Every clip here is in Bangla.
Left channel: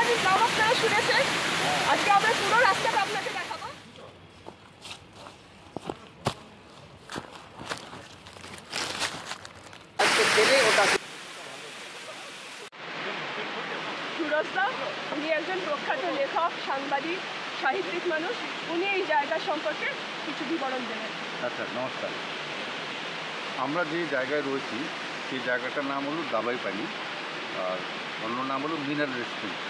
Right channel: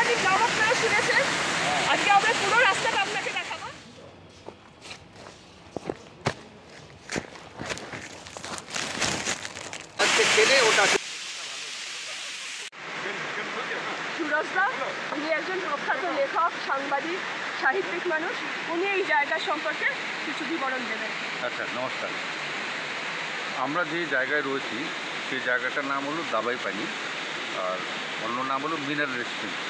সাংবাদিক নাম আপনারা শুনেছেন। আজকে আমরা পুরো রাস্তাটা আপনাকে দেখাবো। সুরজদা উনি একজন প্রখ্যাত লেখক, সাংবাদিক, সাহিত্যিক মানুষ। উনি এই জায়গা সম্পর্কে কিছু বিবরণ দেবেন। আচ্ছা, নমস্কার। আমরা যে জায়গায় রয়েছি সেই জায়গাটার নাম হলো দাবাই পানি, আর অন্য নাম হলো মিনারেল রেস্টুরেন্ট।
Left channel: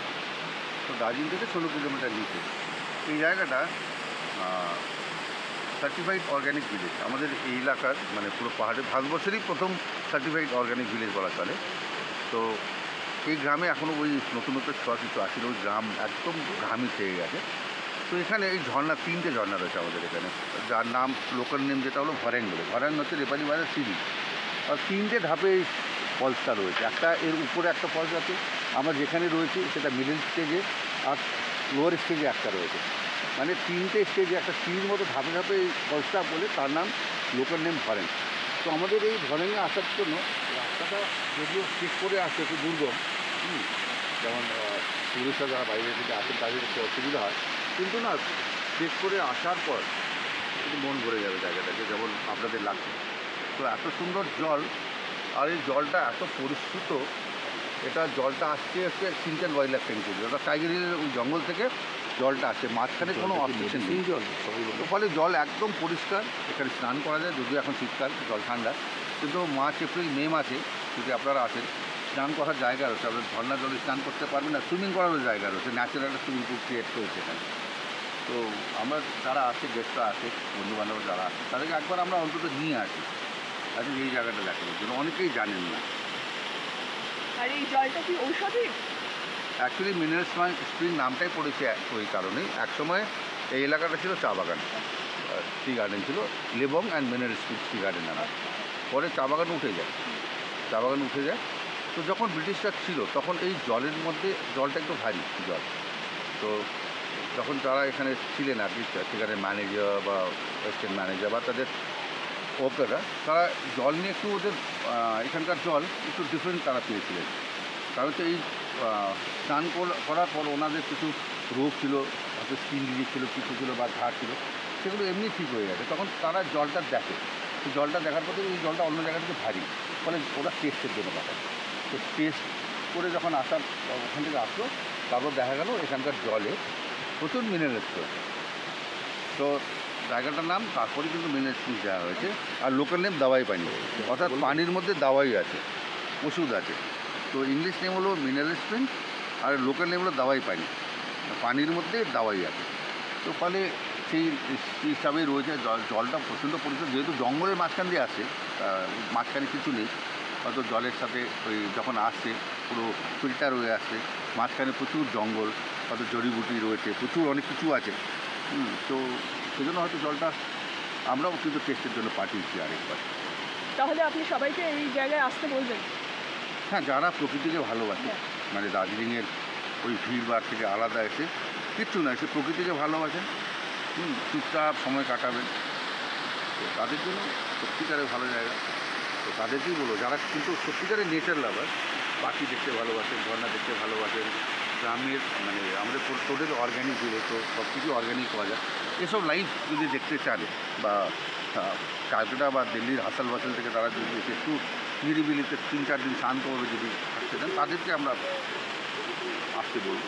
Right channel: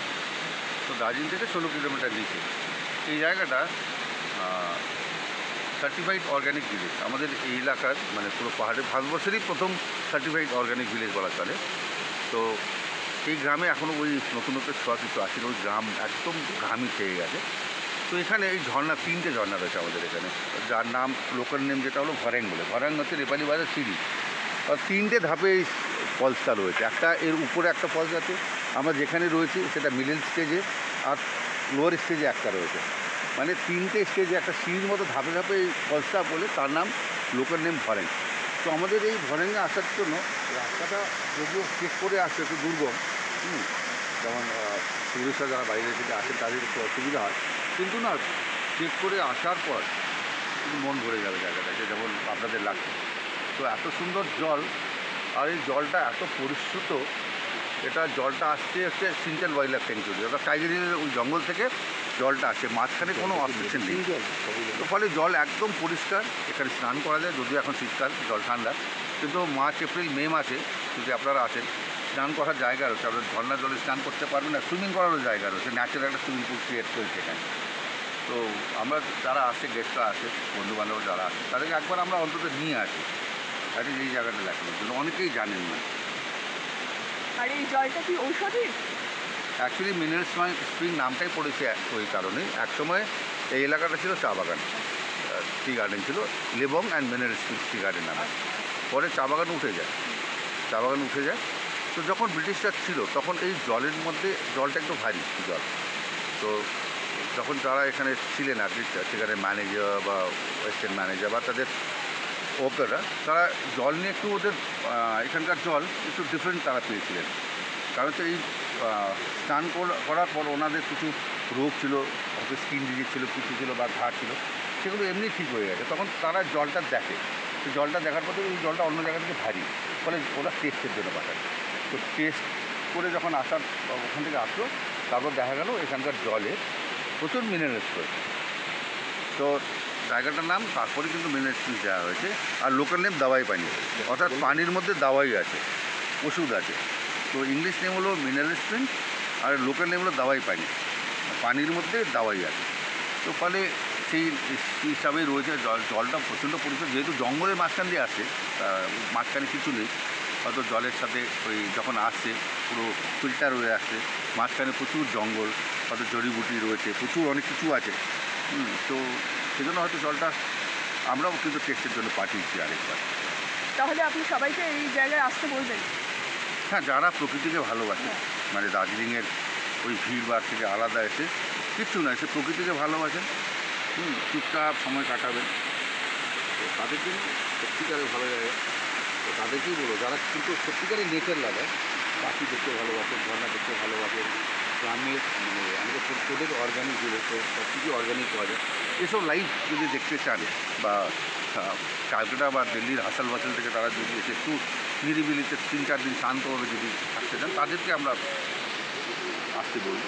তো দার্জিলিং থেকে 16 কিলোমিটার নিচে এই জায়গাটা সার্টিফাইড অর্গ্যানিক ভিলেজ। আমাদের এই এলাকার মানে পুরো পাহাড়ে ভারতবর্ষেরই প্রথম সার্টিফাইড অর্গ্যানিক ভিলেজ বলা চলে। তো এই গ্রামে এখনও ওই নতুন নতুন ছোঁয়া কিছু আসেনি, ওই গ্রাম একদম গ্রামই খেয়ে গেছে। তো এখানে এই ঝর্ণা, 3টে ঝর্ণা রয়েছে আমাদের এখানে, যার নাম লোকাল নেম যেটা হলো ভরেং বলে। ভরেং হচ্ছে নেপালি বাজার সিঁড়ি, আর 3টে ধাপে এই ফলসটা রয়েছে। একটা এর উপরে একটা ফলস আছে, আমরা যেখানে রয়েছি সেটা মিডল স্টেজে, আর লোয়ার স্টেজে একটা রয়েছে। মানে 3টে স্টেজে একটা সিঁড়ির মতো ধাপে ধাপে এই ফলসটা বলে, তার নাম লোকাল নেম ভরেং। তো আমাদের এই ভরেংয়ে আসার জন্য রাস্তাটা যদিও চেক করে আসছে, একটু দুর্গম, যেমন টুরিস্টরা যারা বাইরে থেকে আসেন তাদের একটু অসুবিধা হয়, কিন্তু না চেক করে আসার পর কিন্তু মন ভরে যাবে জায়গাটাকে, যেমন আপনাদের লাগছে। তো এত সুন্দর জল, আর এই জলটা এত পরিশ্রুত। এটা জলটা আসছে হচ্ছে সিনচাল ওয়াইল্ড লাইফ স্যাংচুয়ারি, অর্থাৎ টাইগার হিলের ওই জঙ্গল থেকে জলটা আসে, মাঝখানে কোনো অবস্ট্রাকশন নেই। তো ফলে জল একদম পরিষ্কার, এখানে স্নান করা যায়। যদিও এখন শীতকাল, জল ঠান্ডা, কিন্তু মার্চ, এপ্রিল, মে মাসে যদি আপনারা আসেন, স্নান করার জায়গা রয়েছে। আপনার ঝর্ণা জলে স্নান করতে পারবেন, না সুইমিং করারও জায়গা রয়েছে, ন্যাচারাল একটা সুইমিং পুল ক্রিয়েট করেছে এখানে। তো আমরা যারা আসে, গেস্টরা আসে, বন্ধুবান্ধব যারা আসে, তাদেরকে একবার আমরা অন্তত নিয়ে আসি আজকে এই জায়গাটা দেখানোর জন্য। অনেকেই জানেন না। আর এই জলটা কি ঔষধি? অ্যাকচুয়ালি মিনারেল স্প্রিং নামটাই পড়েছে ওই কারণেই। একসময় এই এলাকাটা ছিল চা বাগান, টি গার্ডেন ছিল, Lebong and mineral spring tea garden নামে। পরে চা বাগান উঠে যায়, তো যখন ব্রিটিশরা ছিল তখন এই জলের মধ্যে, জলটা একটু ভারী জল। তো যখন যারা এখানে ছিলেন আর কি, সেখানে ম্যানেজার বা ওয়েস্টার্ন ম্যানেজার বা তাদের ওয়ার্কাররা, তারা জল নিয়ে একটু ওদের এখানকার জল একটু ডিফারেন্ট তারা পেয়েছিলেন। কারণ হচ্ছে এই স্নান করার পর ওনাদের কিছু রোগ ছিল, হয়তো স্কিন ডিজিজ ছিল, কিছু ছিল বা ঘা ছিল, সেগুলো এমনি ঠিক হয়ে গেছে। তখন তারা জলটা দেখে, তো জলটা দেখার পর এই জলটা অন্য জায়গা থেকে ভারী, ফলে ওরা টেস্টের জন্য পাঠায়। তো টেস্ট করে যখন আসার, ওখান থেকে আসলো, তারপর দেখা গেল এখানকার জলে প্রচুর মিনারেলস রয়েছে। তো জায়গাটার নাম তারপরে কিন্তু মিনারেল স্প্রিং দেওয়া হয়েছে। আর লোকাল নেম দাওয়াই পানি, অর্থাৎ পানির মধ্যে দাওয়াই আছে, ওষুধ আছে। তো ইংলিশ নেম হলো মিনারেল স্প্রিং, আর লোকাল নেম হলো দাওয়াই পানি, পানির মধ্যে দাওয়াই আছে। তো ফলে সেই হিসাবেই রয়েছে। জলটা প্রচণ্ড পরিষ্কার, যেহেতু জঙ্গলের মাঝখান দিয়ে আসে, মাঝখানে কিছু নেই, হয়তো জলের সাথে ওই যখন আসছে পুরো ফিল্টার হয়ে আসছে। মাঝখানে প্রচুর জঙ্গল, হয়তো জড়িবুটি রয়েছে, প্রচুর অনেক কিছু আছে। তো সেজন্য হয়তো জলটা আমরাও কিন্তু টেস্টের জন্য পাঠিয়েছি আরেকবার। তাহলে আপনি সবাইকে এই জায়গায় আসতে বলবেন? হ্যাঁ, যারা প্রকৃতিকে ভালোবাসে, মানে দার্জিলিংয়ের ওই ভিড়ভাড় থেকে আলাদা এসে, কিচ্ছু না, এসে প্রকৃতিকে ভালোবাসেন, চুপচাপ সময় কাটাবেন, তো তাদের জন্য সত্যিকারের ভালো জায়গা। তো তাদেরকেই বলে, যারা কিন্তু সত্যিকারের নেচার লাভার, পাখি দেখতে ভালোবাসেন, ঝর্ণা দেখতে ভালোবাসেন, গ্রামের মানে আমাদের তোদের অর্গ্যানিক যেগুলো সব কিছুই অর্গ্যানিক পাওয়া যায়, এসব লাইফ যদি দেখতে চান, বা ক্যালকাটা বা দিল্লির হাসাল বাসাল থেকে তারা যদি এসে একটু নিরিবিলিতে 3-4 দিন শান্তভাবে যদি থাকতে চান, তাদেরকে আমরা আসতে বলব।